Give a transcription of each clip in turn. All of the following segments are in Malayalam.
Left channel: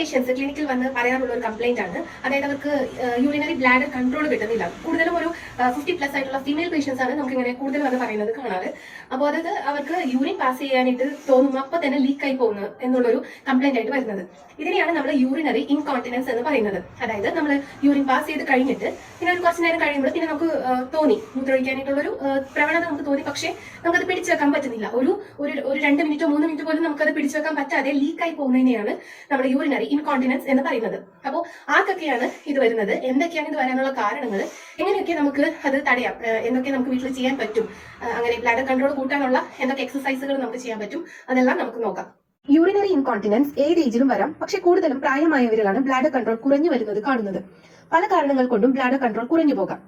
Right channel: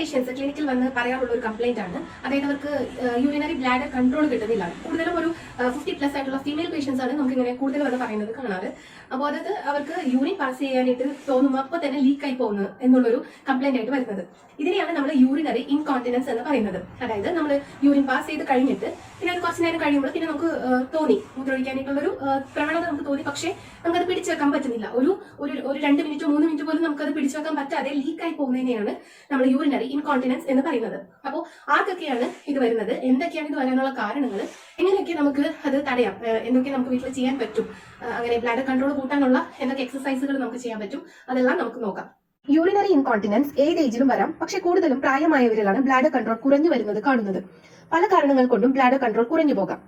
പേഷ്യൻസ് ക്ലിനിക്കിൽ വന്ന് പറയാനുള്ള ഒരു കംപ്ലൈന്റ് ആണ്. അതായത് അവർക്ക് യൂറിനറി ബ്ലാഡർ കൺട്രോൾ കിട്ടുന്നില്ല. കൂടുതലും ഒരു ഫിഫ്റ്റി പ്ലസ് ആയിട്ടുള്ള ഫീമെയിൽ പേഷ്യൻസ് ആണ് നമുക്ക് ഇങ്ങനെ കൂടുതൽ വന്ന് പറയുന്നത് കാണാറ്. അപ്പോൾ അതായത് അവർക്ക് യൂറിൻ പാസ് ചെയ്യാനായിട്ട് തോന്നുന്നു. അപ്പോൾ തന്നെ ലീക്ക് ആയി പോകുന്നു എന്നുള്ളൊരു കംപ്ലൈന്റ് ആയിട്ട് വരുന്നത്. ഇതിനെയാണ് നമ്മൾ യൂറിനറി ഇൻകോണ്ടിനൻസ് എന്ന് പറയുന്നത്. അതായത് നമ്മൾ യൂറിൻ പാസ് ചെയ്ത് കഴിഞ്ഞിട്ട് പിന്നെ ഒരു കുറച്ച് നേരം കഴിയുമ്പോൾ പിന്നെ നമുക്ക് തോന്നി. മൂത്രമൊഴിക്കാനായിട്ടുള്ള ഒരു പ്രവണത നമുക്ക് തോന്നി. പക്ഷേ നമുക്കത് പിടിച്ചു വെക്കാൻ പറ്റുന്നില്ല. ഒരു ഒരു രണ്ട് മിനിറ്റോ മൂന്ന് മിനിറ്റ് പോലും നമുക്കത് പിടിച്ചു വെക്കാൻ പറ്റാതെ ലീക്കായി പോകുന്നതിനെയാണ് നമ്മൾ യൂറിനറി ഇൻകോണ്ടിനൻസ് എന്ന് പറയുന്നത്. അപ്പോൾ ആർക്കൊക്കെയാണ് ഇത് വരുന്നത്? എന്തൊക്കെയാണ് ഇത് വരാനുള്ള കാരണങ്ങൾ എങ്ങനെയൊക്കെ നമുക്ക് അത് തടയാം? എന്തൊക്കെ നമുക്ക് വീട്ടിൽ ചെയ്യാൻ പറ്റും? അങ്ങനെ ബ്ലഡ് കൺട്രോൾ കൂട്ടാനുള്ള എന്തൊക്കെ എക്സസൈസുകൾ നമുക്ക് ചെയ്യാൻ പറ്റും? അതെല്ലാം നമുക്ക് നോക്കാം. യൂറിനറി ഇൻകോണ്ടിനൻസ് ഏത് ഏജിലും വരാം. പക്ഷെ കൂടുതലും പ്രായമായവരിലാണ് ബ്ലാഡർ കൺട്രോൾ കുറഞ്ഞു വരുന്നത് കാണുന്നത്. പല കാരണങ്ങൾ കൊണ്ടും ബ്ലാഡർ കൺട്രോൾ കുറഞ്ഞു പോകാം.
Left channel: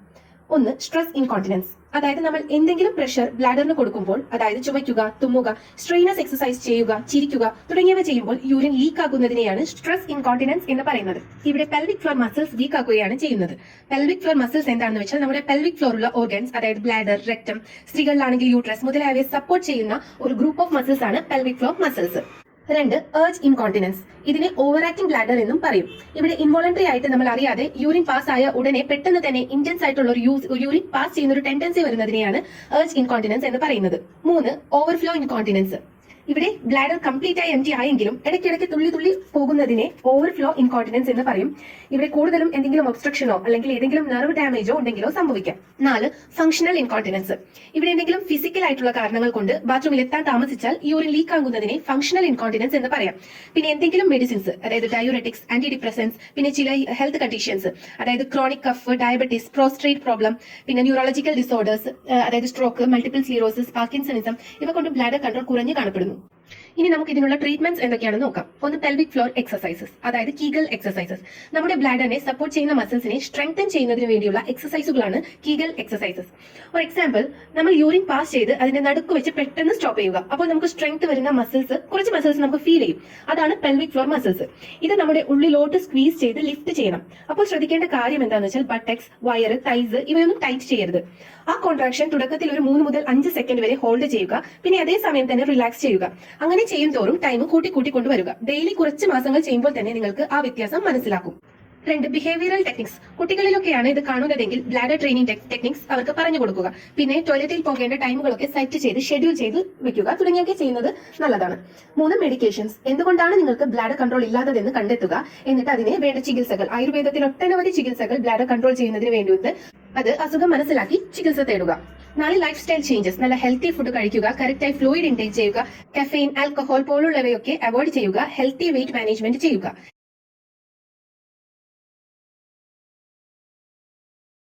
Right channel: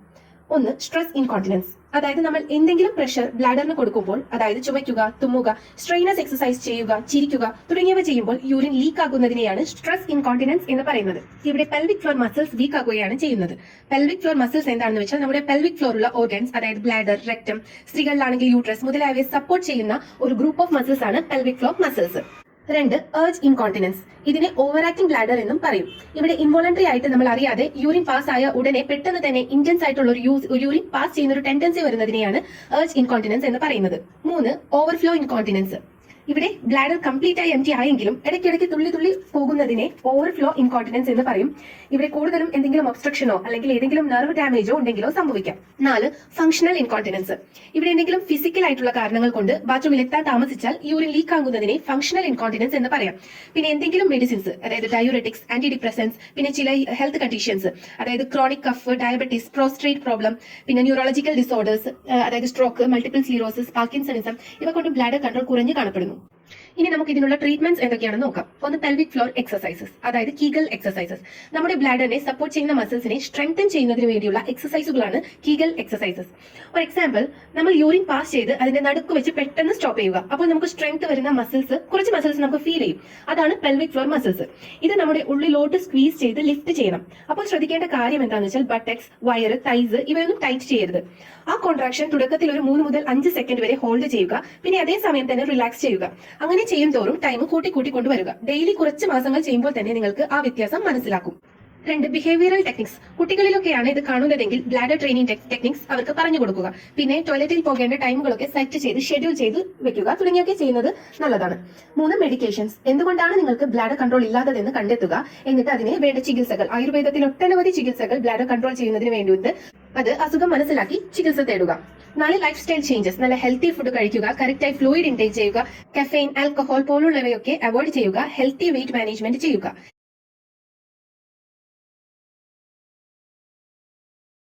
ഒന്ന് സ്ട്രെസ് ഇൻകോണ്ടിനൻസ് അതായത് നമ്മൾ എന്തെങ്കിലും പ്രഷർ ബ്ലാഡറിന് കൊടുക്കുമ്പോൾ അതായത് ചുമയ്ക്കുക തുമ്മുക സ്ട്രെയിനസ് എക്സസൈസ് ചെയ്യുക ചിരിക്കുക തുടങ്ങിയവ ചെയ്യുമ്പോൾ യൂറിൻ ലീക്ക് ആകുന്നതിനെയാണ് സ്ട്രെസ് ഇൻകോണ്ടിനൻസ് എന്ന് പറയുന്നത്. ഇവിടെ പെൽവിക് ഫ്ലോർ മസിൽസ് വീക്ക് ആകുകയാണ് ചെയ്യുന്നത്. പെൽവിക് ഫ്ലോർ മസിൽസ് എന്താണെന്ന് വെച്ചാൽ നമ്മുടെ പെൽവിക് ഫ്ലോറുള്ള ഓർഗൻസ് അതായത് ബ്ലാഡർ റെക്ടം സ്ത്രീകളിലാണെങ്കിൽ യൂട്രസ് മുതലായവയെ സപ്പോർട്ട് ചെയ്യുന്ന ഒരു ഗ്രൂപ്പ് ഓഫ് മസിൽസ് ആണ് പെൽവിക് ഫ്ലോർ മസിൽസ് രണ്ട് ഏർജ് ഇൻകോണ്ടിനൻസ് ഇതിനെ ഓവർ ആക്ടിംഗ് ബ്ലാഡർ എന്നും പറയും. ഇവിടെ ഇൻവോളണ്ടറി ആയിട്ട് നമ്മൾ അറിയാതെ യൂറിൻ പാസ് ആയ ഉടനെ പെട്ടെന്ന് തന്നെ ഇന്റൻസ് ആയിട്ടുള്ള ഒരു യൂറിൻ പാസ് ചെയ്യുന്ന ഒരു ടെൻഡൻസി വരുന്നതിനെയാണ് ഏർജ് ഇൻകോണ്ടിനൻസ് എന്ന് പറയുന്നത്. മൂന്ന് ഓവർഫ്ലോ ഇൻകോണ്ടിനൻസ് ഇവിടെ ബ്ലാഡർ കംപ്ലീറ്റ് ആയി എം ടി ആയെങ്കിലും ഇടയ്ക്കിടയ്ക്ക് തുള്ളി തുള്ളി പോകുന്നതിനെ ഓവർഫ്ലോ ഇൻകോണ്ടിനൻസ് എന്ന് പറയും. ഇവിടെ കൂടുതലും എന്തെങ്കിലും ഒബ്സ്ട്രക്ഷനോ അല്ലെങ്കിൽ ഏതെങ്കിലും നെർവ് ഡാമേജോ ഉണ്ടെങ്കിലോ സംഭവിക്കാം. നാല് ഫംഗ്ഷണൽ ഇൻകോണ്ടിനൻസ് ഇവിടെ എന്തെങ്കിലും ഫിസിക്കൽ ആയിട്ടുള്ള കാരണങ്ങൾ കൊണ്ട് ബാത്റൂമിൽ എത്താൻ താമസിച്ചാൽ യൂറിൻ ലീക്ക് ആകുന്നതിനെ ഫംഗ്ഷണൽ ഇൻകോണ്ടിനൻസ് എന്ന് പറയാം. പിന്നെ എന്തെങ്കിലും മെഡിസിൻസ് അതായത് ഡയോറെറ്റിക്സ് ആന്റി ഡിപ്രസൻസ് പിന്നെ ചില ഹെൽത്ത് കണ്ടീഷൻസ് അതായത് chronic cough diabetes prostate problem പിന്നെ ന്യൂറോളജിക്കൽ ഡിസോർഡേഴ്സ് അതായത് സ്ട്രോക്ക് മൾട്ടിപ്പിൾ സ്ലീറോസിസ് പാർക്കിൻസണിസം ഇവ കൊണ്ട് ബ്ലാഡർ കൺട്രോൾ കുറഞ്ഞു കാണപ്പെടുന്നു. ഇനി നമുക്ക് ഇതിനുള്ള ട്രീറ്റ്മെന്റ്സ് എന്തൊക്കെയാണെന്ന് നോക്കാം. ഒന്ന് പെൽവിക് ഫ്ലോർ എക്സസൈസസ് അതായത് കീഗൽ എക്സസൈസസ് നമ്മുടെ ബ്ലാഡറിനെ സപ്പോർട്ട് ചെയ്യുന്ന മസിൽസിനെ സ്ട്രെങ്തൻ ചെയ്യുന്നതിന് വേണ്ടിയുള്ള എക്സസൈസുകളാണ് കീഗൽ എക്സസൈസസ് ഫോർ എക്സാമ്പിൾ നമ്മൾ യൂറിൻ പാസ് ചെയ്ത് അതിന്റെ നടുക്ക് വെച്ച് പെട്ടെന്ന് സ്റ്റോപ്പ് ചെയ്യുക. അപ്പോൾ നമുക്ക് സ്ട്രെങ്ത് വരുന്ന മസിൽസ് കുറച്ച് മസിൽസ് നമുക്ക് ഫീൽ ചെയ്യും. അതാണ് പെൽവിക് ഫ്ലോർ മസിൽസ് ഇത് നമ്മുടെ ഉള്ളിലോട്ട് സ്ക്വീസ് ചെയ്ത് ലിഫ്റ്റ് ചെയ്യണം. അപ്പോൾ ശ്രദ്ധിക്കേണ്ട കാര്യം എന്താണെന്ന് വെച്ചാൽ ബട്ടക്സ് വയർ തൈസ് ഇവയൊന്നും ടൈറ്റ് ചെയ്യരുത്. ആ കോൺട്രാക്ഷൻ തുടക്കത്തിൽ ഒരു മൂന്ന് മുതൽ അഞ്ച് സെക്കൻഡ് വരെ ഹോൾഡ് ചെയ്യുക. പിന്നെ അതേ സമയം തന്നെ റിലാക്സ് ചെയ്യുക. അങ്ങനെ ചെയ്യും തോറും ടൈം കൂട്ടി കൂട്ടി കൊണ്ടുവരിക. ഡെയിലി കുറച്ച് മാസങ്ങൾ ചെയ്യുമ്പോൾ തന്നെ നിങ്ങൾക്ക് ആ വ്യത്യാസം മനസ്സിലാക്കും രണ്ട് ബിഹേവിയറൽ ടെക്നിക്സ് കുട്ടികളിലൊക്കെയാണ് ഇത് കാണുന്നതെങ്കിൽ ബ്ലാഡർ ട്രെയിനിങ് ടെക്നിക്സ് അവർക്ക് പറഞ്ഞു കൊടുക്കുക. പിന്നെ ടോയ്ലറ്റിൽ പോകേണ്ട ടൈമുകളൊക്കെ സെറ്റ് ചെയ്ത് ഷെഡ്യൂൾ ചെയ്ത് വെക്കുക തുടങ്ങിയൊക്കെ ചെയ്യുന്നത് നല്ലതാണ്. മൂന്ന് മെഡിക്കേഷൻസ് എന്തുകൊണ്ടാണ് നിങ്ങൾക്ക് ബ്ലാഡർ കൺട്രോൾ ഇല്ലാത്തതെന്ന് കണ്ടെത്തുക. എന്നിട്ട് അതിനെ വേണ്ട ചികിത്സകൾ. ആയുർവേദത്തിൽ ഒട്ടനവധി ചികിത്സകൾ ബ്ലാഡർ കൺട്രോൾ ചെയ്യുന്നതിന് വേണ്ടി അത് അസുഖം മനസ്സിലാക്കി ചികിത്സ തേടുക. നാല് ലൈഫ് സ്റ്റൈൽ ചേഞ്ചസ് നല്ല ഹെൽത്തി ഫുഡ് കഴിക്കുക കറക്റ്റായി ഫ്ലൂയിഡ് ഇൻടേക്ക് ചെയ്യുക കഫെയിൻ ആൽക്കഹോൾ പോലുള്ളവയൊക്കെ അവോയ്ഡ് ചെയ്യുക ഹെൽത്തി വെയിറ്റ് മാനേജ്മെന്റ് ചെയ്യുക.